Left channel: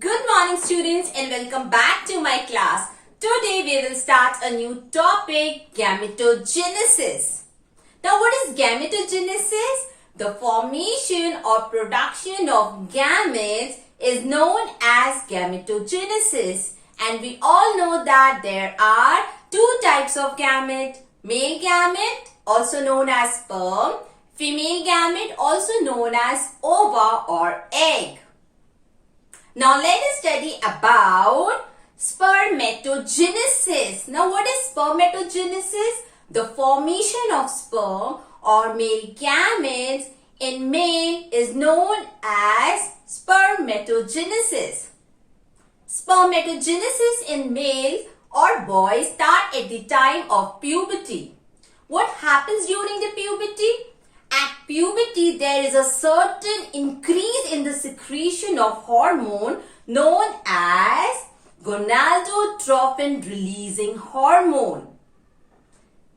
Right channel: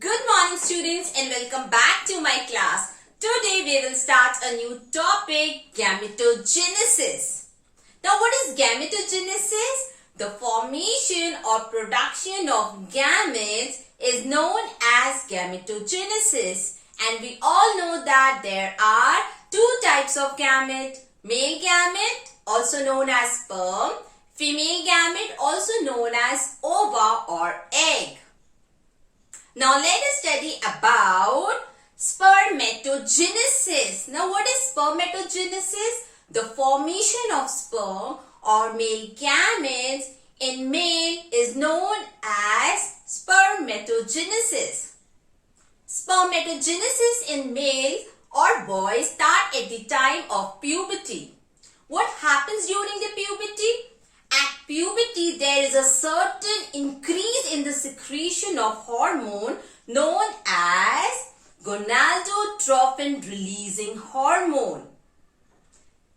Good morning students and welcome back to my class. Today we will start a new topic, gametogenesis. Now what is gametogenesis? The formation or production of gametes is known as gametogenesis, and we all know that there are two types of gamete. Male gamete also known as sperm, female gamete also known as ova or egg. Now let us study about spermatogenesis. Now what is spermatogenesis? The formation of sperm or male gametes in male is known as spermatogenesis. Spermatogenesis in males or boys start at the time of puberty. What happens during the puberty? At puberty, there is a certain increase in the secretion of hormone known as gonadotropin releasing hormone,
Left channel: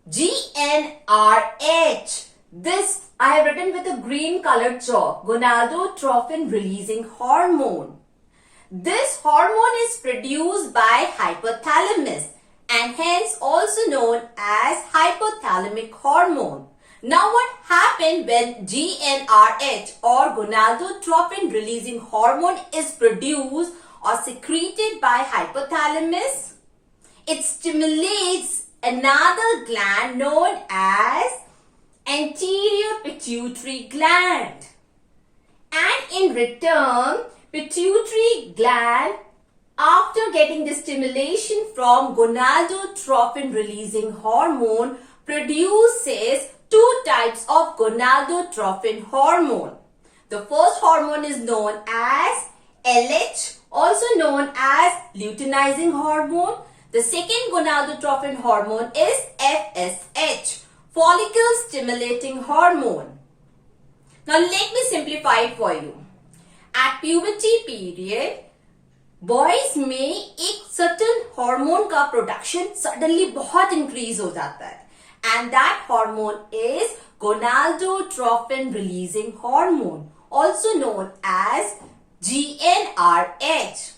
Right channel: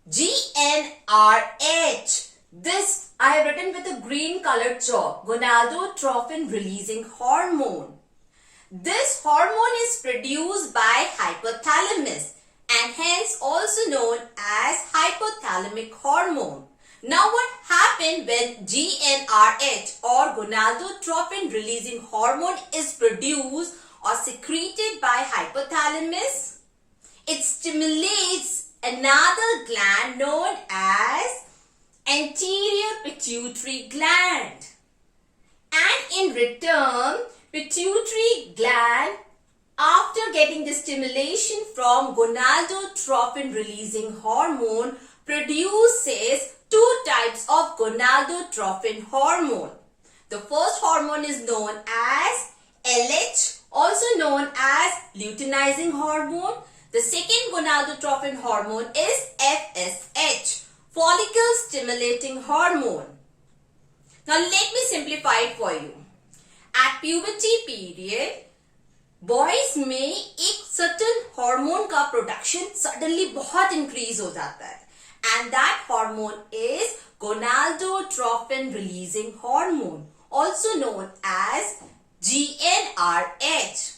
GnRH. This I have written with a green colored chalk, gonadotropin releasing hormone. This hormone is produced by hypothalamus and hence also known as hypothalamic hormone. Now what happened when GnRH or gonadotropin releasing hormone is produced or secreted by hypothalamus? It stimulates another gland known as anterior pituitary gland. And in return, pituitary gland, after getting the stimulation from gonadotropin releasing hormone, produces two types of gonadotropin hormone. The first hormone is known as LH, also known as luteinizing hormone. The second gonadotropin hormone is FSH, follicle stimulating hormone. Now let me simplify it for you. At puberty period, boys में एक certain hormone का production suddenly बहुत increase हो जाता है and that hormone is gonadotropin releasing hormone, also known as GnRH.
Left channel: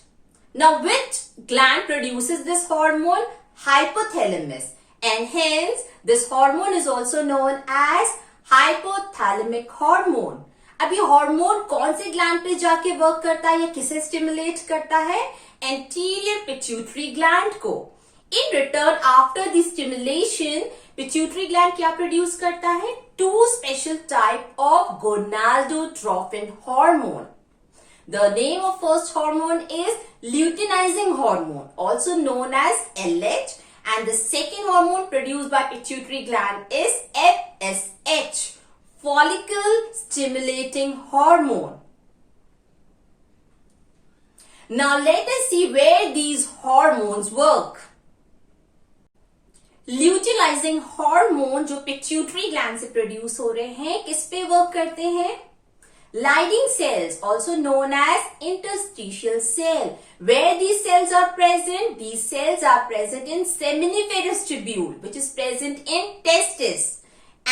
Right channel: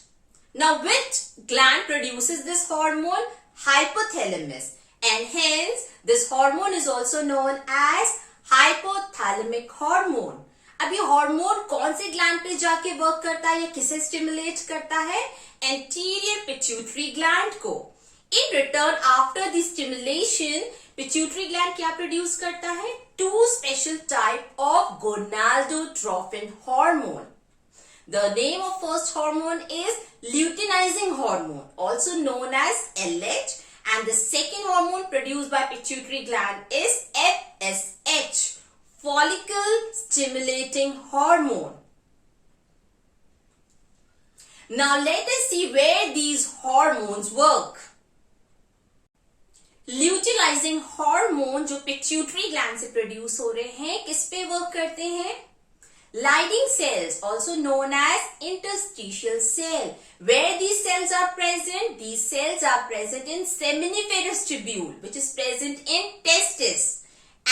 Now which gland produces this hormone? Hypothalamus, and hence this hormone is also known as hypothalamic hormone. अब ये hormone कौन से gland पे जाके work करता है या किसे स्टिमुलेट करता है? एंटीरियर पिट्यूटरी ग्लैंड को. In return after the stimulation pituitary gland क्या प्रोड्यूस करता है? Two special type of gonadotropin hormone. The name of first hormone is luteinizing hormone, also known as LH, and the second hormone produced by pituitary gland is FSH, follicle stimulating hormone. Now let us see where these hormones work. Luteinizing hormone जो pituitary gland से produce हो रहे हैं, किस पे work करते हैं? Lining cells, also known as interstitial cell. Where these cells are present? These cells are present in seminiferous tubule, which is present in testis,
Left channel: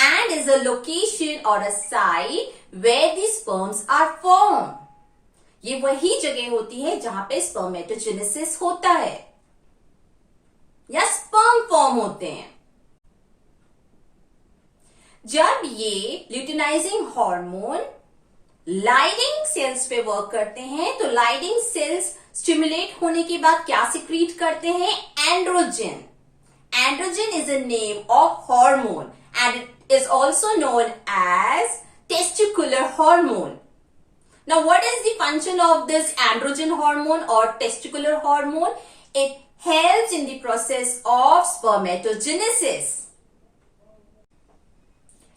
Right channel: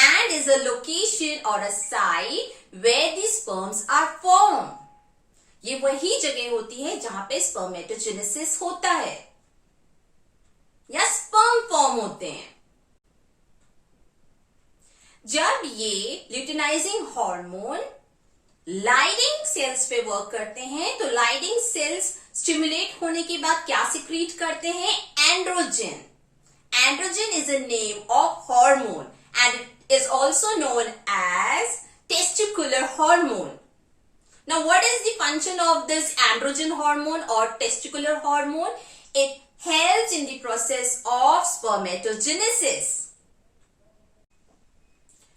and is a location or a site where the sperms are formed. ये वही जगह होती है जहां पे spermatogenesis होता है या sperm फॉर्म होते हैं. जब ये luteinizing hormone लाइडिंग सेल्स पे वर्क करते हैं तो लाइडिंग सेल्स स्टिमुलेट होने के बाद क्या सिक्रीट करते हैं? Androgen. Androgen is a name of hormone and it is also known as testicular hormone. Now what is the function of this androgen hormone or testicular hormone? It helps in the process of spermatogenesis.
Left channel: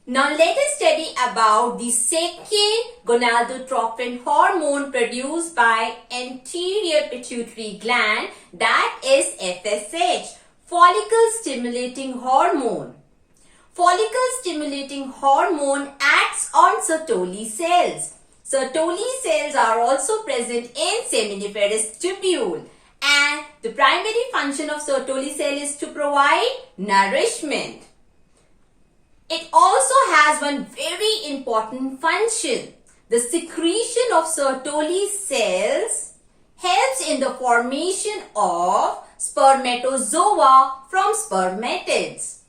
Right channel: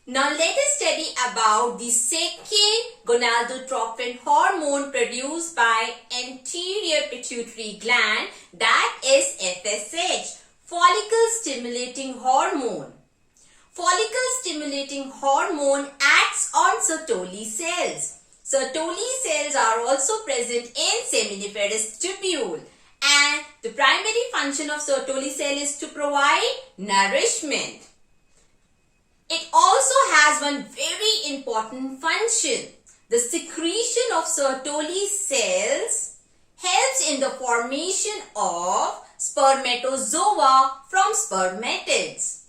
Now let us study about the second gonadotropin hormone produced by anterior pituitary gland, that is FSH, follicle stimulating hormone. Follicle stimulating hormone acts on Sertoli cells. Sertoli cells are also present in seminiferous tubule, and the primary function of Sertoli cell is to provide nourishment. It also has one very important function. The secretion of Sertoli cells helps in the formation of spermatozoa from spermatids.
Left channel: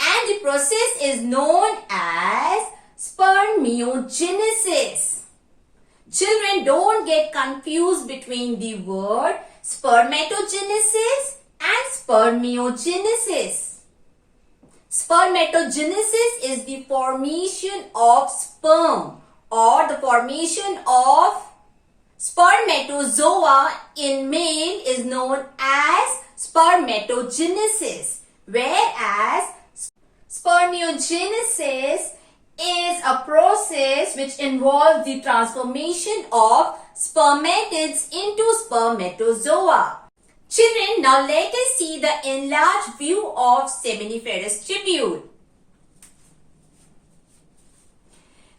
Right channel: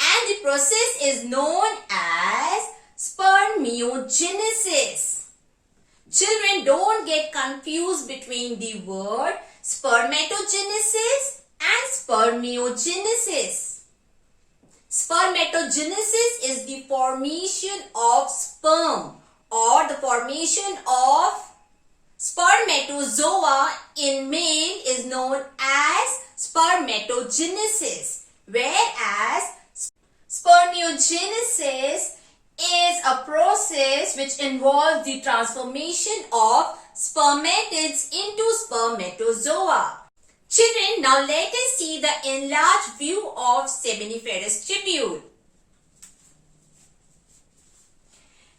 And the process is known as spermatogenesis. Children, don't get confused between the word spermatogenesis and spermiogenesis. Spermatogenesis is the formation of sperm or the formation of spermatozoa in male is known as spermatogenesis, whereas spermiogenesis is a process which involves the transformation of spermatids into spermatozoa. Children, now let us see the enlarged view of seminiferous tubule.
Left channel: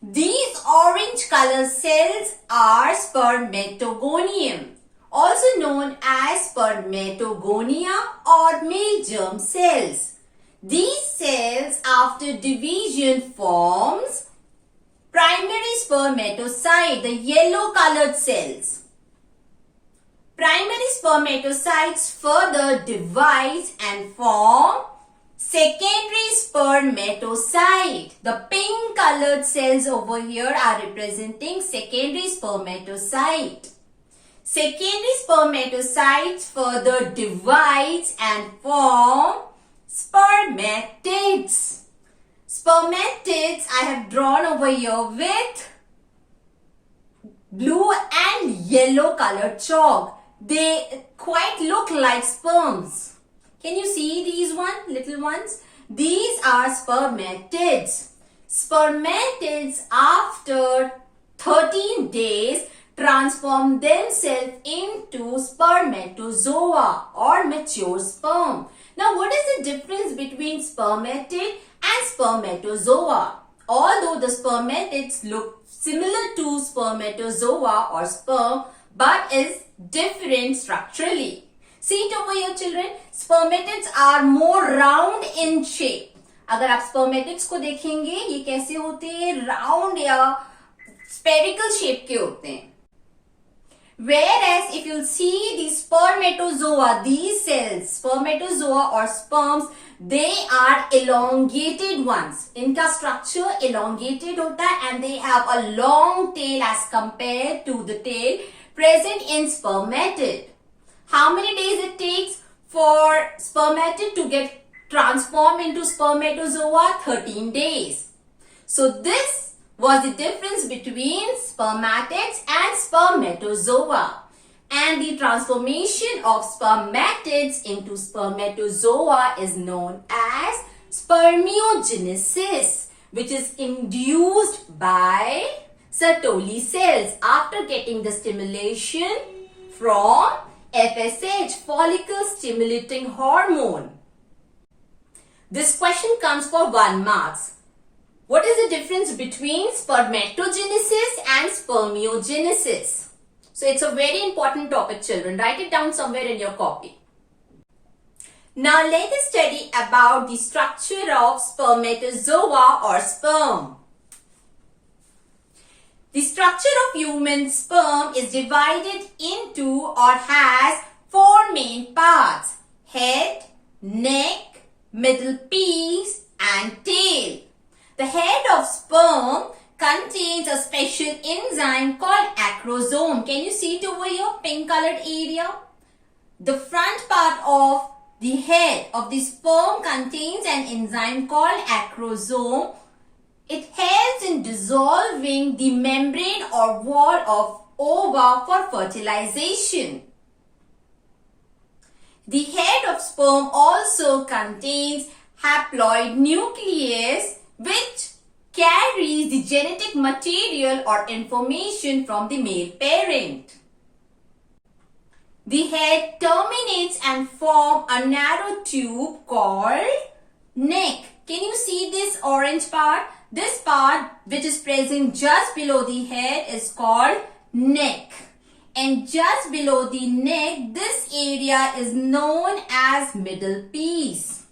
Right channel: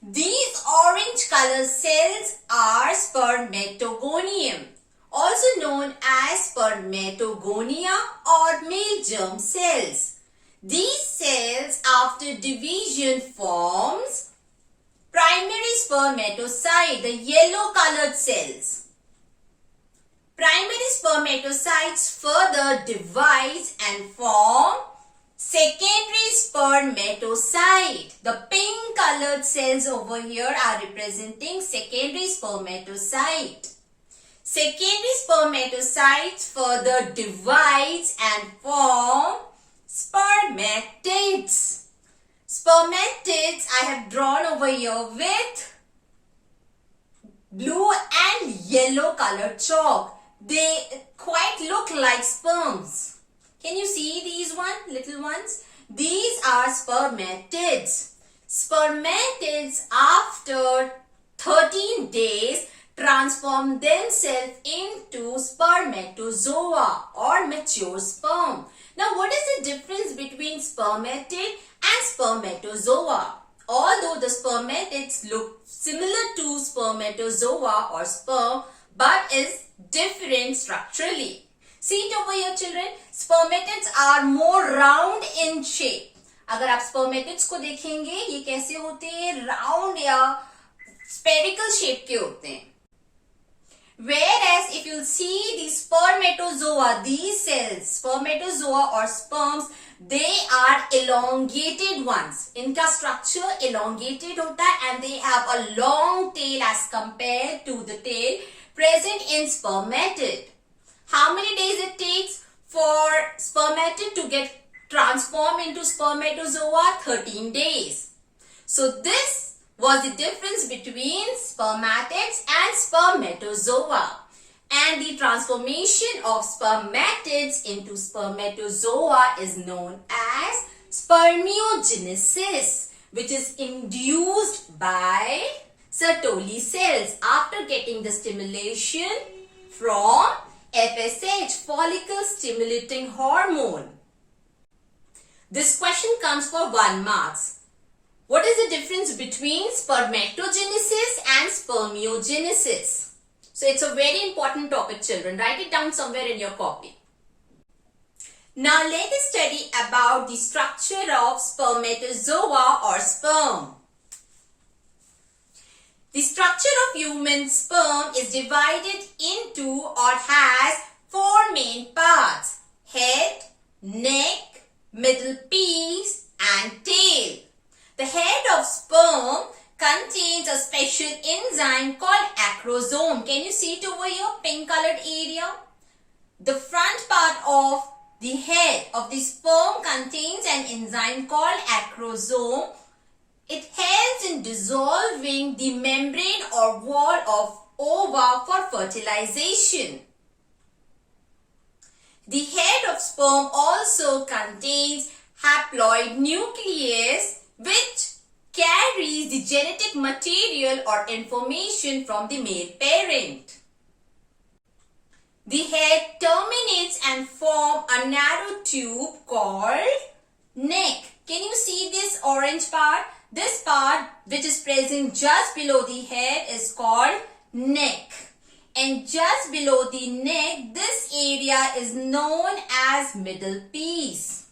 These orange color cells are spermatogonium, also known as spermatogonia or male germ cells. These cells after division forms primary spermatocyte, the yellow colored cells. Primary spermatocytes further divide and form secondary spermatocyte. The pink colored cells over here are representing secondary spermatocyte. Secondary spermatocytes further divides and form spermatids. Spermatids I have drawn over here with blue and yellow colored chalk. They quite look like sperms. Can you see these little ones? These are spermatids. Spermatids after 13 days transform themselves into spermatozoa or mature sperm. Now, what is the difference between spermatid and spermatozoa? Although the spermatids look similar to spermatozoa or sperm, but is different structurally. See it over here, children. Spermatids are more round in shape. अगर आप spermatids को देखेंगे, ये कैसे होते हैं? Round या spherical shape के होते हैं. Whereas if you see the spermatozoa, these cells, spermatozoa or sperms, they are elongated ones. इनका structure elongated होता है and they have a long tail as compared to the tail present in spermatid. How many days it takes for spermatid to get transformed into spermatozoa? 13 days. So this was the difference between spermatids and spermatozoa. And the transformation of spermatids into spermatozoa is known as spermiogenesis, which is induced by Sertoli cells after getting the stimulation from FSH, follicle stimulating hormone. This question comes for 1 mark. What is the difference between spermatogenesis and spermiogenesis? So it's a very important topic, children. Write it down somewhere in your copy. Now let us study about the structure of spermatozoa or sperm. The structure of human sperm is divided into or has 4 main parts: head, neck, middle piece and tail. The head of sperm contains a special enzyme called acrosome. Can you see it over here, pink colored area? The front part of the head of the sperm contains an enzyme called acrosome. It helps in dissolving the membrane or wall of ova for fertilization. The head of sperm also contains haploid nucleus which carries the genetic material or information from the male parent. The head terminates and forms a narrow tube called neck. Can you see this orange part? This part which is present just below the head is called neck. And just below the neck, this area is known as middle piece.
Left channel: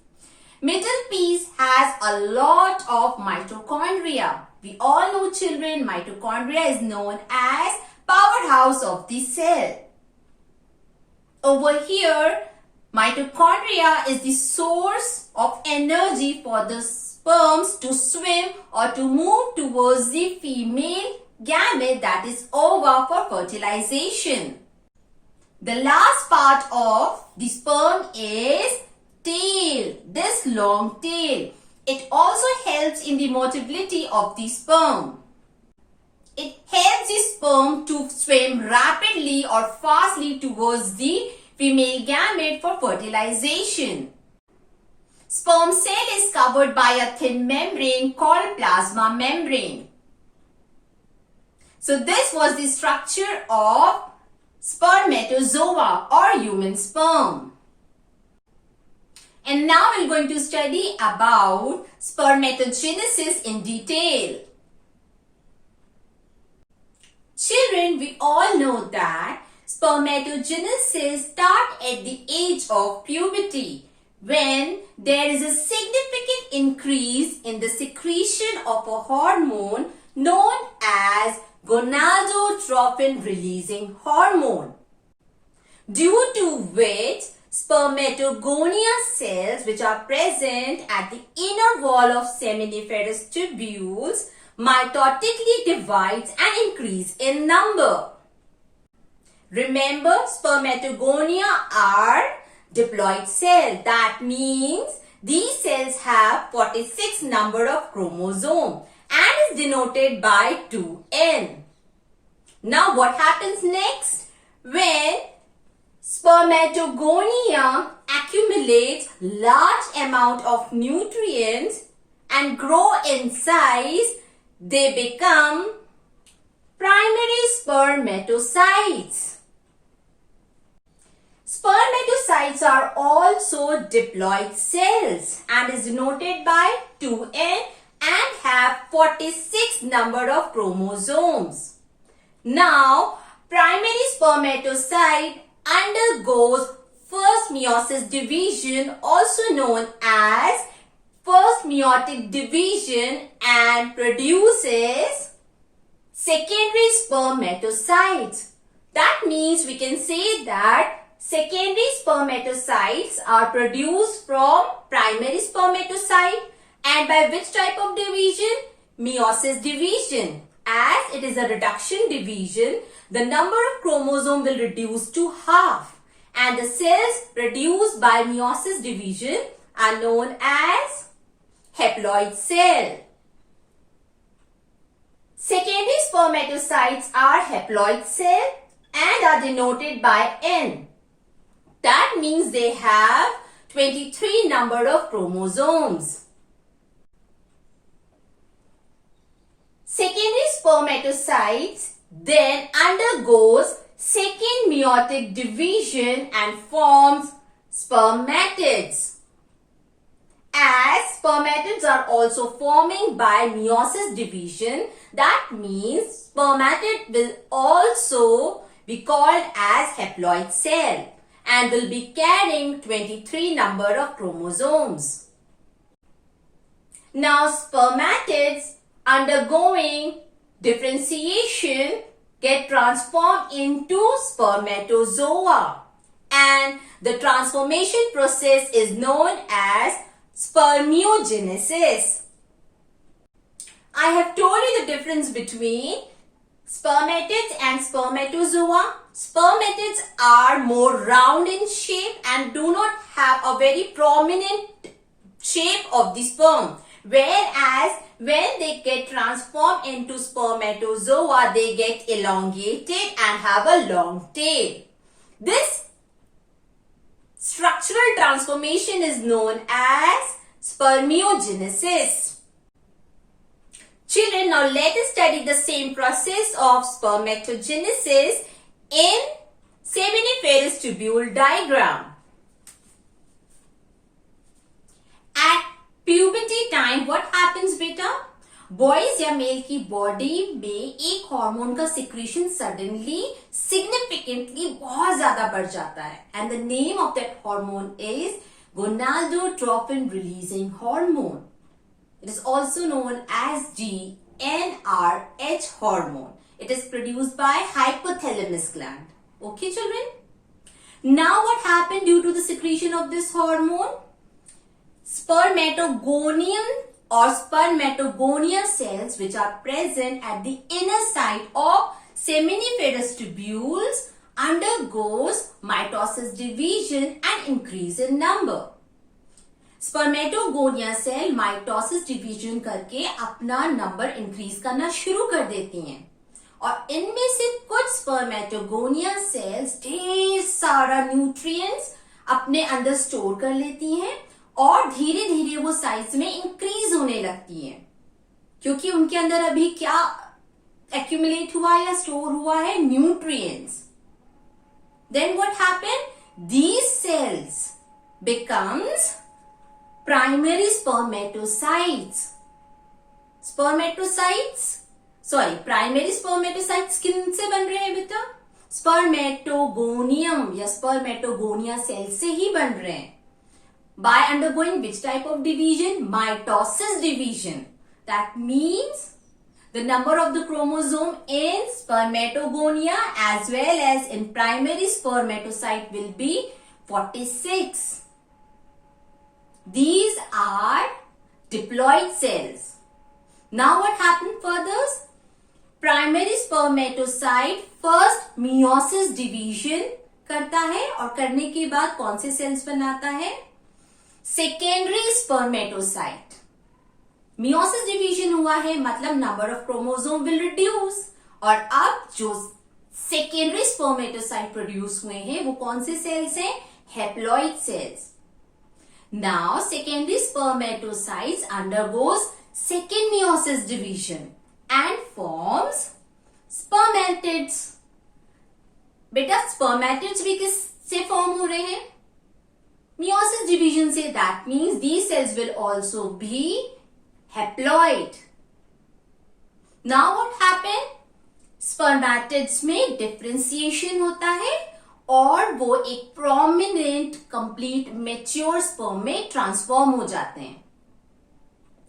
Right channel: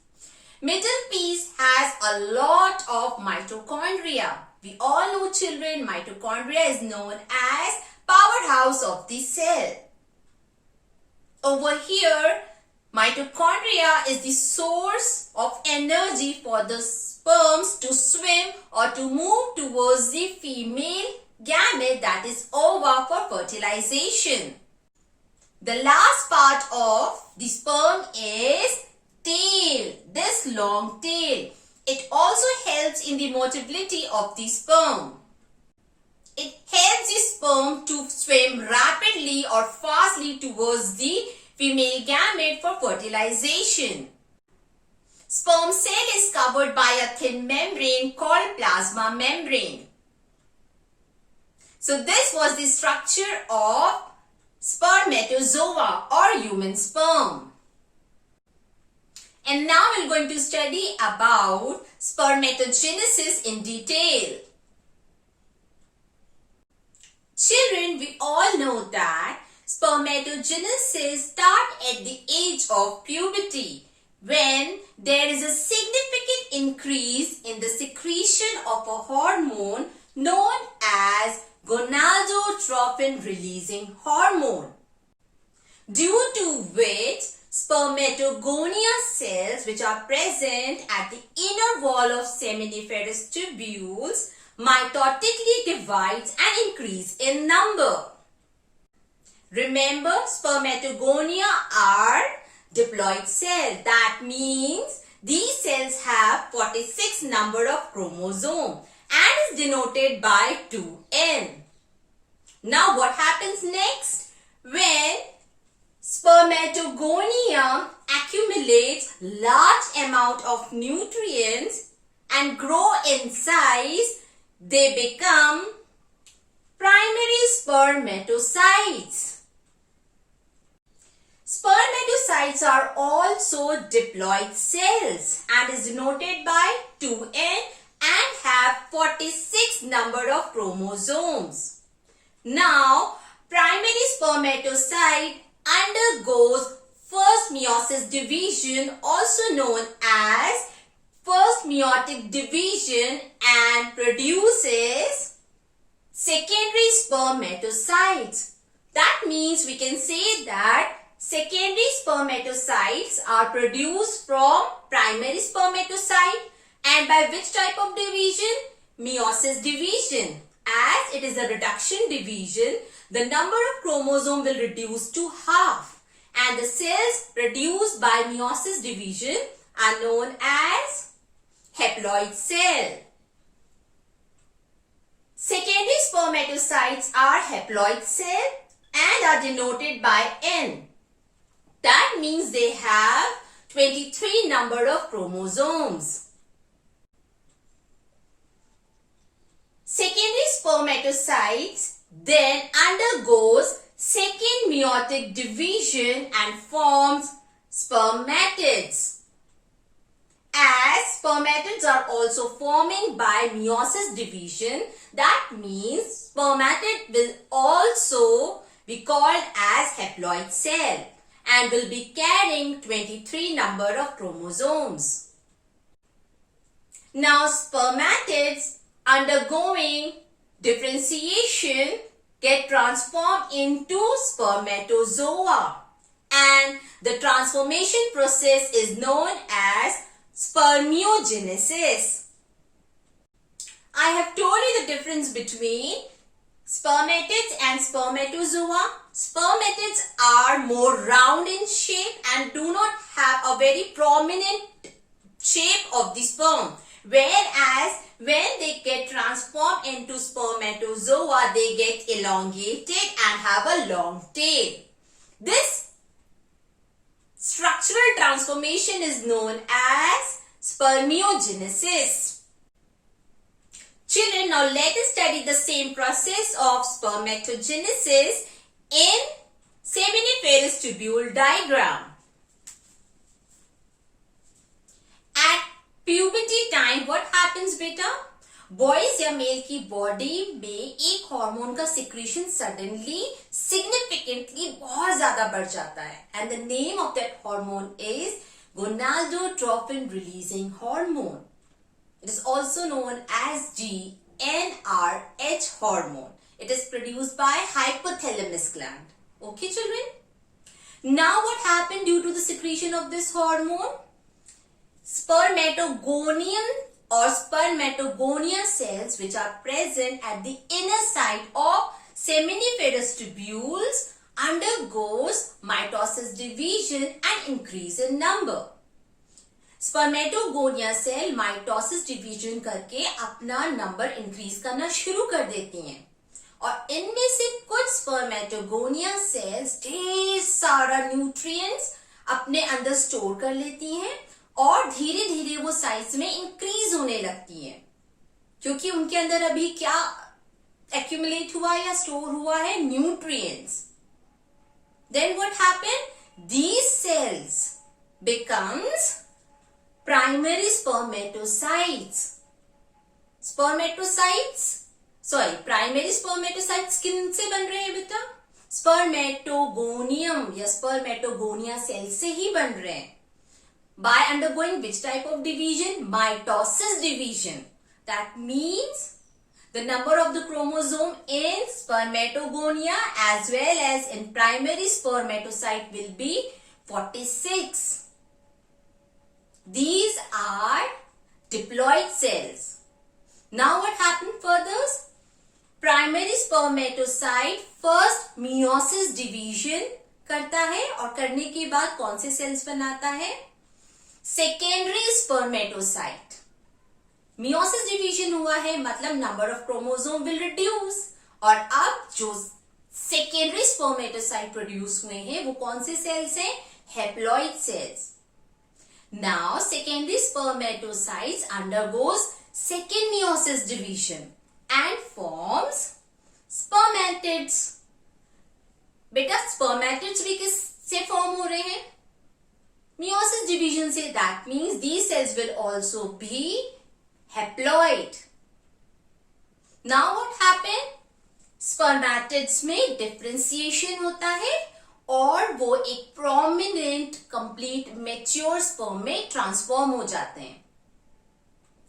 Middle piece has a lot of mitochondria. We all know, children, mitochondria is known as powerhouse of the cell. Over here, mitochondria is the source of energy for the sperms to swim or to move towards the female gamete, that is ova, for fertilization. The last part of the sperm is tail, this long tail. It also helps in the motility of the sperm. It helps the sperm to swim rapidly or fastly towards the female gamete for fertilization. Sperm cell is covered by a thin membrane called plasma membrane. So this was the structure of spermatozoa or human sperm. And now we're going to study about spermatogenesis in detail. Children, we all know that spermatogenesis starts at the age of puberty, when there is a significant increase in the secretion of a hormone known as gonadotropin releasing hormone, due to which spermatogonia cells, which are present at the inner wall of seminiferous tubules, mitotically divides and increase in number. Remember, spermatogonia are diploid cells. That means these cells have 46 number of chromosomes and is denoted by 2n. Now what happens next? When spermatogonia accumulates large amount of nutrients and grow in size, they become primary spermatocytes. Spermatocytes are also diploid cells and is denoted by 2n and have 46 number of chromosomes. Now, primary spermatocyte undergoes first meiosis division, also known as first meiotic division, and produces secondary spermatocytes. That means we can say that secondary spermatocytes are produced from primary spermatocyte, and by which type of division? Meiosis division. As it is a reduction division, the number of chromosomes will reduce to half, and the cells produced by meiosis division are known as haploid cell. Secondary spermatocytes are haploid cell and are denoted by N. That means they have 23 number of chromosomes. Secondary spermatocytes then undergoes second meiotic division and forms spermatids. As spermatids are also forming by meiosis division, that means spermatid will also be called as haploid cell and will be carrying 23 number of chromosomes. Now spermatids undergoing differentiation get transformed into spermatozoa, and the transformation process is known as spermatogenesis. I have told you the difference between spermatids and spermatozoa. Spermatids are more round in shape and do not have a very prominent shape of the sperm. Whereas when they get transformed into spermatozoa, they get elongated and have a long tail. This structural transformation is known as spermatogenesis. Children, now let us study the same process of spermatogenesis in seminiferous tubule diagram. At puberty time, what happens beta? Boys या mail की body में एक hormone का secretion suddenly significantly बहुत ज्यादा बढ़ जाता है, and the name of that hormone is gonadotropin releasing hormone. It is also known as GnRH hormone. It is produced by hypothalamus gland. Okay, children? Now what happened due to the secretion of this hormone? Spermatogonium or spermatogonia cells which are present at the inner side of seminiferous tubules undergoes mitosis division and increase in number. Spermatogonia cell mitosis division करके अपना number increase करना शुरू कर देती हैं और इनमें से कुछ स्पर्मेटोगोनिया सेल्स ढेर सारा न्यूट्रिएंट्स अपने अंदर स्टोर कर लेती हैं और धीरे धीरे वो साइज में इंक्रीज होने लगती हैं क्योंकि उनके अंदर अभी क्या एक्यूमुलेट हुआ या स्टोर हुआ है, nutrients. Then what happen? These cells becomes primary spermatocytes. Primary spermatocytes किन से बन रहे हैं बेटा? स्पर्मेटोगोनियम या स्पर्मेटोगोनिया सेल से ही बन रहे हैं. By undergoing which type of division? Mitosis division. That means the number of the chromosome in spermatogonia as well as in primary spermatocyte will be 46. These are diploid cells. Now what happened further? Primary spermatocyte first meiosis division करता है और करने के बाद कौन से sales बनाता है? Secondary spermatocyte. meiosis division हुआ है मतलब number of chromosome will reduce और अब जो secondary spermatocyte produce हुए हैं वो कौन से cells हैं? Haploid cells. Now, secondary spermatocytes undergoes second meiosis division and forms spermatids. बेटा spermatids भी किससे फॉर्म हो रहे हैं? Meiosis division से. That means these cells will also be haploid. Now what happened? Spermatids में differentiation होता है और वो एक प्रोमिनेंट कंप्लीट मेच्योर स्पर्म में ट्रांसफॉर्म हो जाते हैं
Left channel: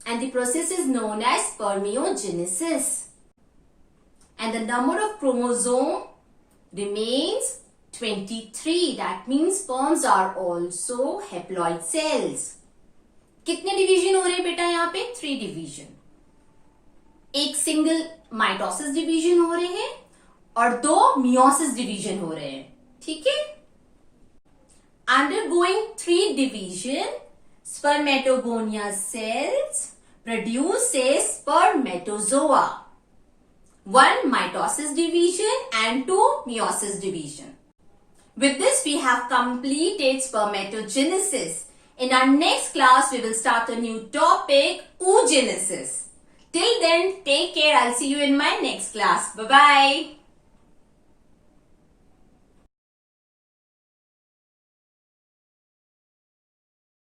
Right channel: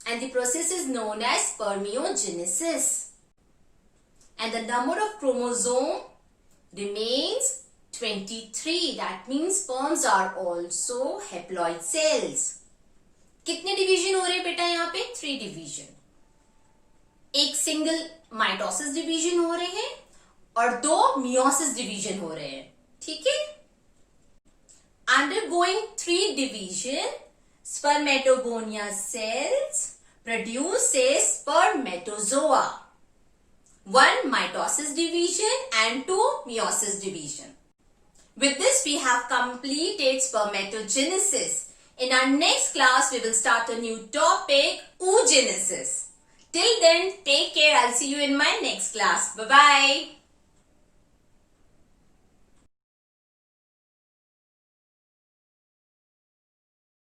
and the process is known as spermiogenesis and the number of chromosome remains 23. That means sperms are also haploid cells. कितने डिवीजन हो रहे हैं बेटा यहाँ पे? 3 डिवीजन. एक सिंगल माइटोसिस डिवीजन हो रहे हैं और 2 मियोसिस डिवीजन हो रहे हैं. ठीक है? Undergoing 3 division, spermatogonia cells produces spermatozoa. 1 mitosis division and 2 meiosis division. With this, we have completed spermatogenesis. In our next class, we will start a new topic, oogenesis. Till then, take care. I'll see you in my next class. Bye-bye.